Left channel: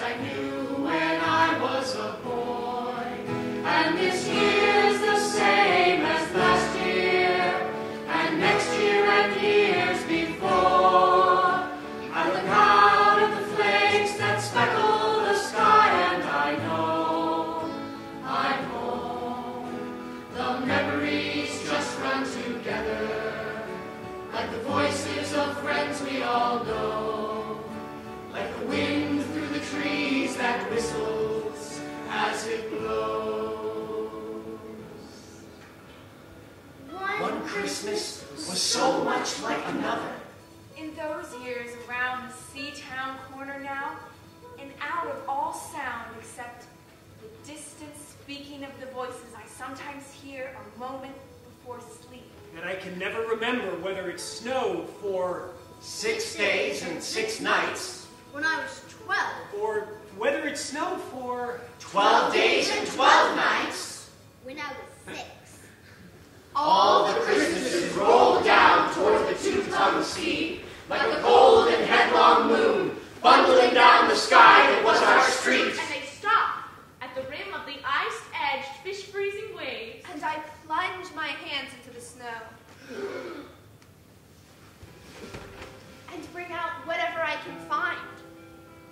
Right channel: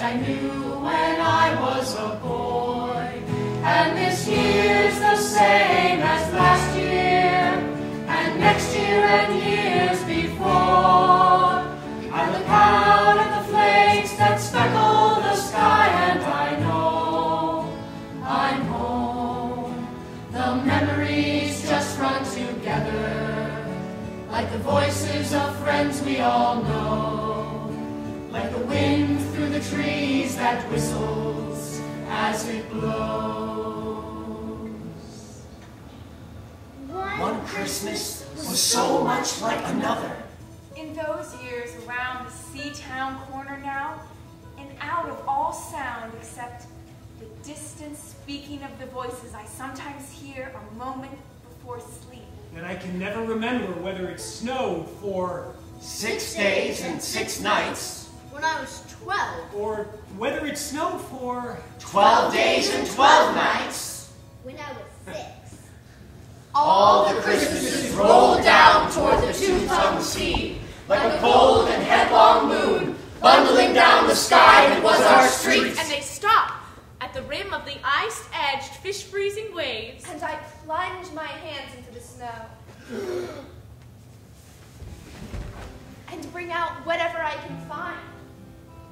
that I knew when I was a boy. And this year's the same as last year, and next year and years before. I look out at the flakes that speckle the sky, and I know I'm home. The memories just run together, like the voices of friends we all know, like the wind through the trees that whistles as it blows. One Christmas was so much like another. In those years around the Seatown corner now, and out of all sound except the distant speaking of the voices I sometimes hear a moment before sleep. And I can never remember whether it snowed for 6 days and 6 nights. When I was 12. or whether it snowed for 12 days and 12 nights. When I was 6. All the Christmases rolled down toward the two-tongued sea, like a cold and headlong moon, bundling down the sky that was our street. And they stopped at the rim of the ice-edged, fish-freezing waves. And I plunge my hands into the snow and bring out whatever I can find.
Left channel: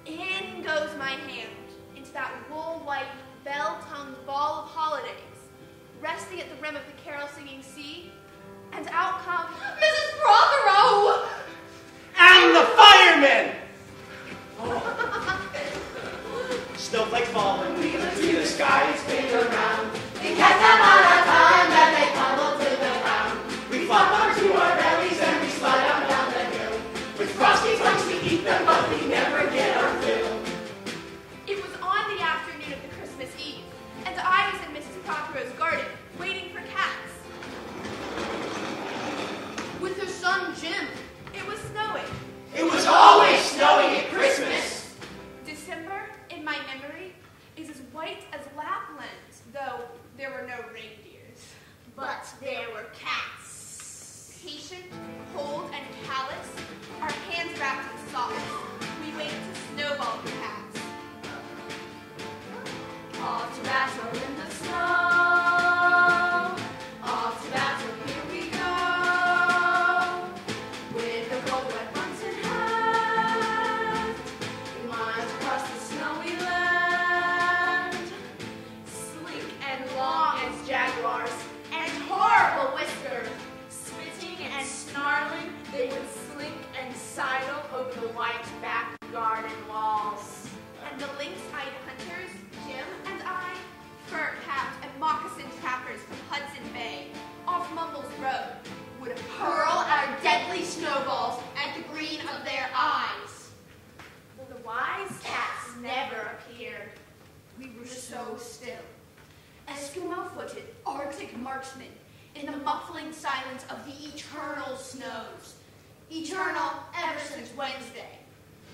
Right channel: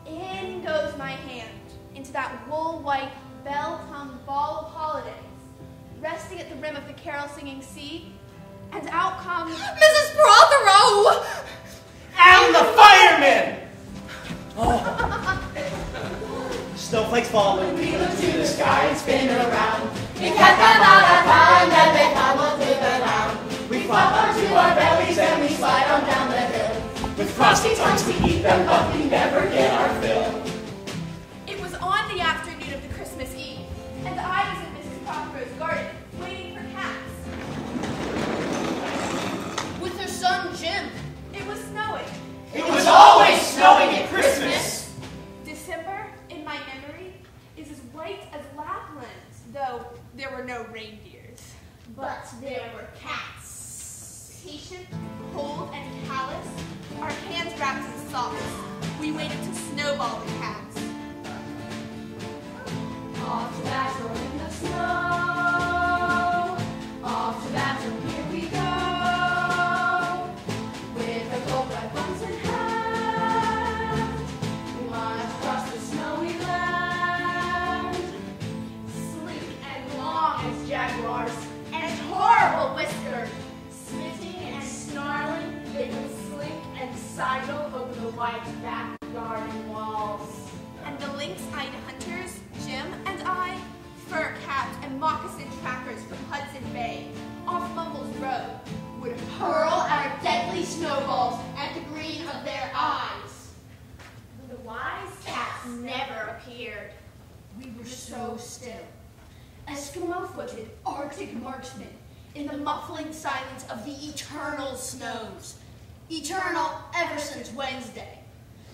In goes my hand into that wool-white, bell-tongued ball of holidays, resting at the rim of the carol-singing sea, and out comes Mrs. Prothero! And the firemen! Snowflakes falling. We look to the sky, spin around. We cut them out of hand and they tumble to the ground. We flop onto our bellies and we slide on down the hill. With frosty tongues we eat them, but we never get our fill. It was on the afternoon of the Christmas Eve, and I was in Mrs. Prothero's garden, waiting for cats. With her son Jim. It was snowing. It was always snowing at Christmas. December, in my memory, is as white as Lapland, though there were no reindeers. But there were cats. Patient, cold, and callous, our hands wrapped in socks, we waited to snowball the cats. Off to battle in the snow, off to battle, here we go, with the cold wet buns in hand, we march across the snowy land, sleek and long as jaguars, and horrible whiskered, smidging and snarling, they would slink and sidle over the white back garden walls. And the lynx-eyed hunters, Jim and I, fur-capped and moccasin trackers from Hudson Bay, off Mumbles Road, would hurl our deadly snowballs at the green of their eyes. But the wise cats never appeared. We were so still. Eskimo-footed Arctic marksmen in the muffling silence of the eternal snows. Eternal ever since Wednesday.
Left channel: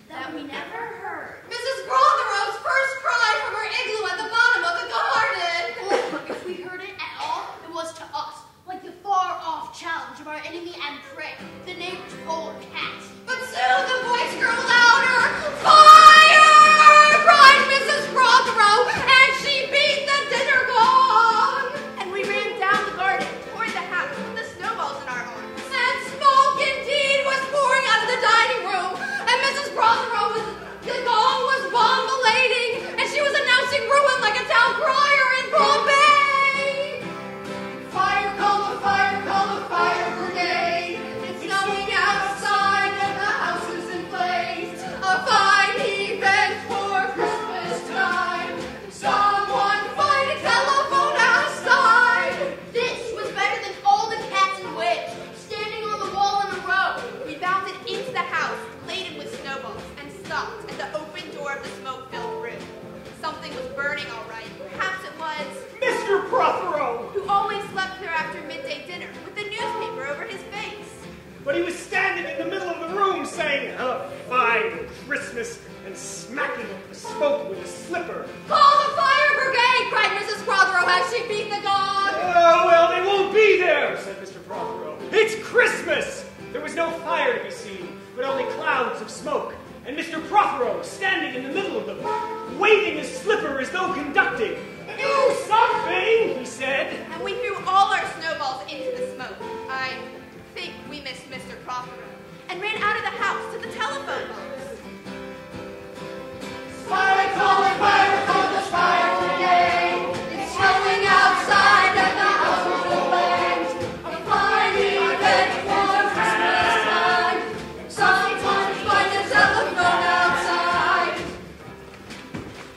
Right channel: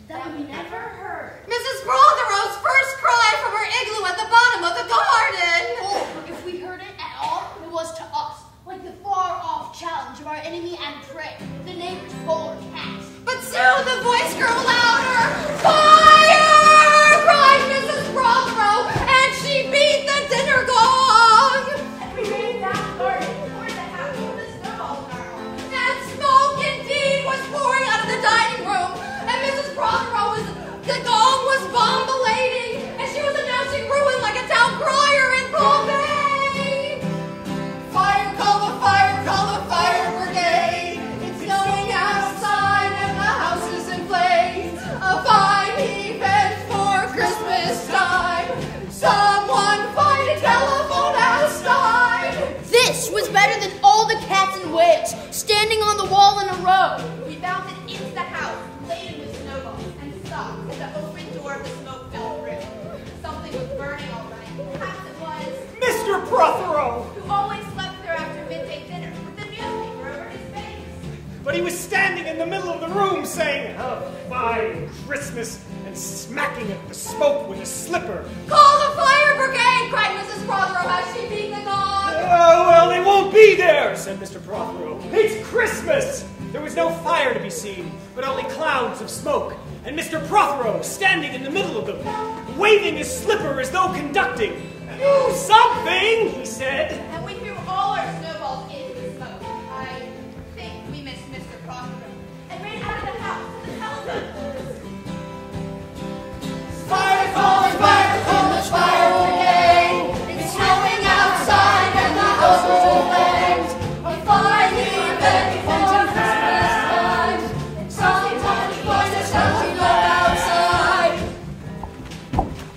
That we never heard. Mrs. Prothero's first cry from her igloo at the bottom of the garden! Or if we heard it at all, it was to us, like the far-off challenge of our enemy and prey, the neighbor's polar cat. But soon the voice grew louder. Fire! Cried Mrs. Prothero, and she beat the dinner gong! And we ran down the garden toward the house with the snowballs in our arms. And smoke indeed was pouring out of the dining room, and Mrs. Prothero the gong was bombulating, and she was announcing ruin like a town crier in Bombay. Fire, call the fire brigade. It's snowing outside and the house is in flames. A fine event for Christmas time. Someone find a telephone outside. This was better than all the cats and wigs standing on the wall in a row. We bounded into the house, laden with snowballs, and stopped at the open door of the smoke-filled room. Something was burning all right. Perhaps it was Mr. Prothero! who always slept there after midday dinner with the newspaper over his face. But he was standing in the middle of the room saying, "A fine Christmas," and smacking at the smoke with a slipper. Call the fire brigade, cried Mrs. Prothero as she beat the gong. "Oh, well, they won't be there," said Mr. Prothero. "It's Christmas!" There was no fire to be seen, but only clouds of smoke. and Mr. Prothero standing in the middle of them, waving his slipper as though conducting. "Do something," he said. And we threw all our snowballs into the smoke. I think we missed Mr. Prothero and ran out of the house to the telephone box. Fire calling, fire from the fire brigade. It's snowing outside and the house is in flames. We finally are ready for Christmas. Sometimes find ourselves we go outside.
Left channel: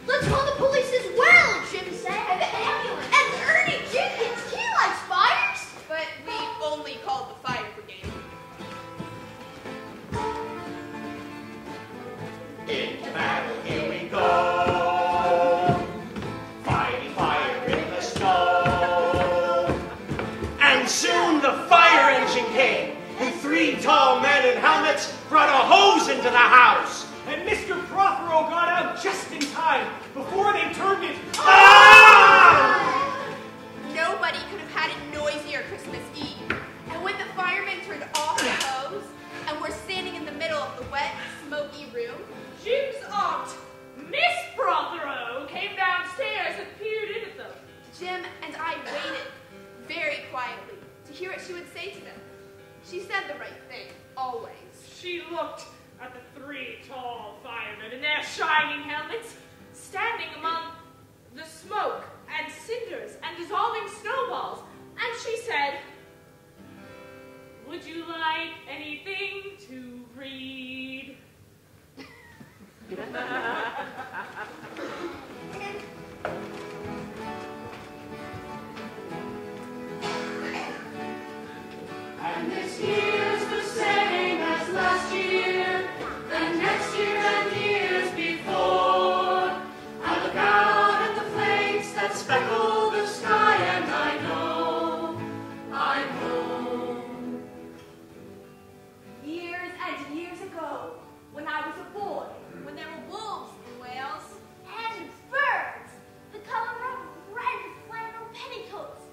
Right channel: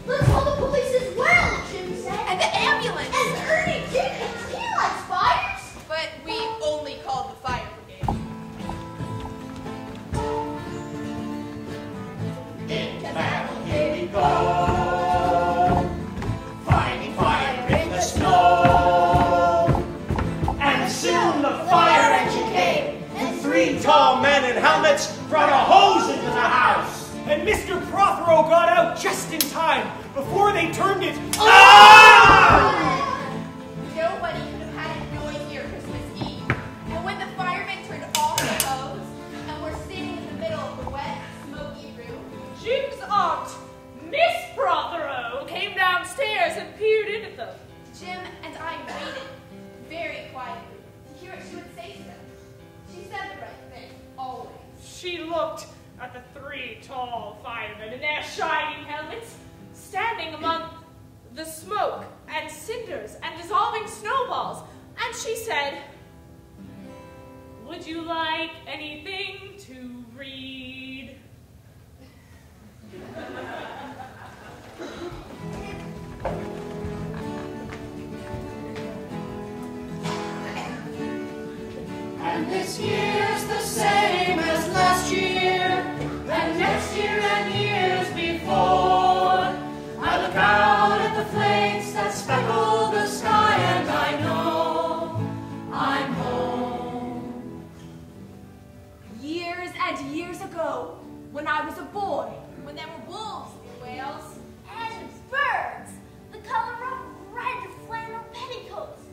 Let's call the police as well, Jim said. And the ambulance. And Ernie Jenkins, he likes fires. But we only called the fire brigade. Into battle, here we go. Fighting fire in the snow. And soon the fire engine came. The 3 tall men in helmets brought a hose into the house. And Mr. Prothero got out just in time before they turned it on! Nobody could have had it noisier Christmas Eve. And when the firemen turned off the hose and were standing in the middle of the wet, smoky room, Jim's aunt, Miss Prothero, came downstairs and peered in at them. Jim and I waited very quietly to hear what she would say to them. She said the right thing, always. She looked at the 3 tall firemen in their shining helmets, standing among the smoke and cinders and dissolving snowballs, and she said, "Would you like anything to read?" And this year's the same as last year, and next year and years before. I look out at the flakes that speckle the sky, and I know I'm home. Years and years ago, when I was a boy, When there were wolves and whales, and birds, the color of red flannel petticoats,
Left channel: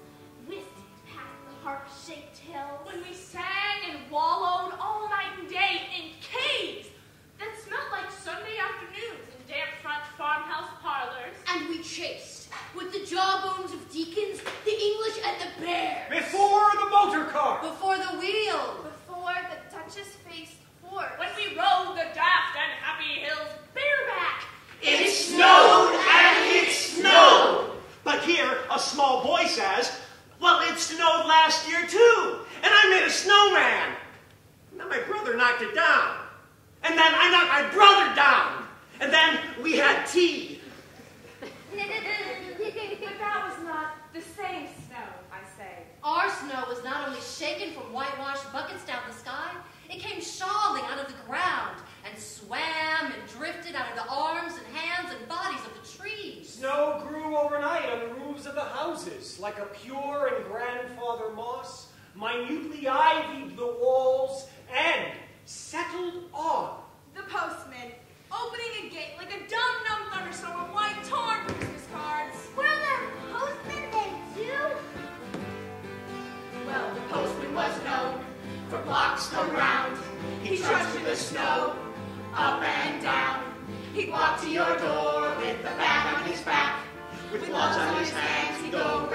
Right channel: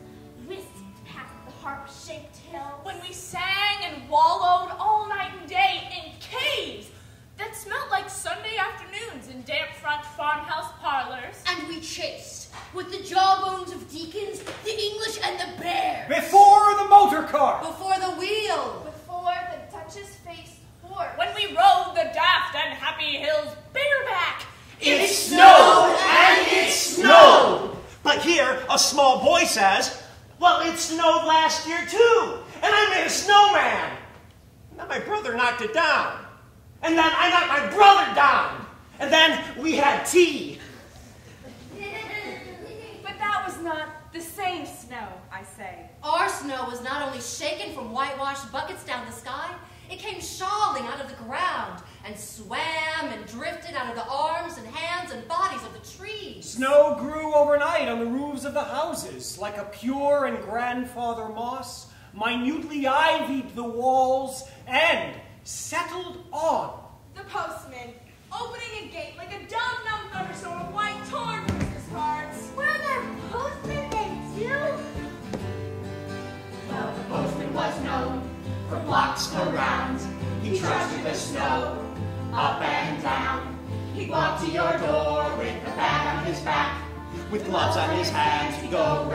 whisked past the harp-shaped hills. When we sang and wallowed all night and day in caves that smelled like Sunday afternoons in damp front farmhouse parlors. And we chased, with the jawbones of deacons, the English and the bear. Before the motor car. before the wheel, before the Duchess-faced horse. When we rode the daft and happy hills bareback. It snowed and it snowed. But here, a small boy says, "Well, it snowed last year too, and I made a snowman." And then my brother knocked it down. And then I knocked my brother down. And then we had tea. But that was not the same snow, I say. Our snow was not only shaken from whitewashed buckets down the sky, it came shoveling out of the ground and swam and drifted out of the arms and hands and bodies of the trees. Snow grew overnight on the roofs of the houses, like a pure and grandfather moss, minutely ivied the walls, and settled on. The postman, opening a gate like a dumb thunderstorm of white torn Christmas cards. Were there postmen then too? Well, the postman was known for blocks around. He trudged through the snow, up and down. He'd walk to your door with a bag on his back. With gloves on his hands, he'd go round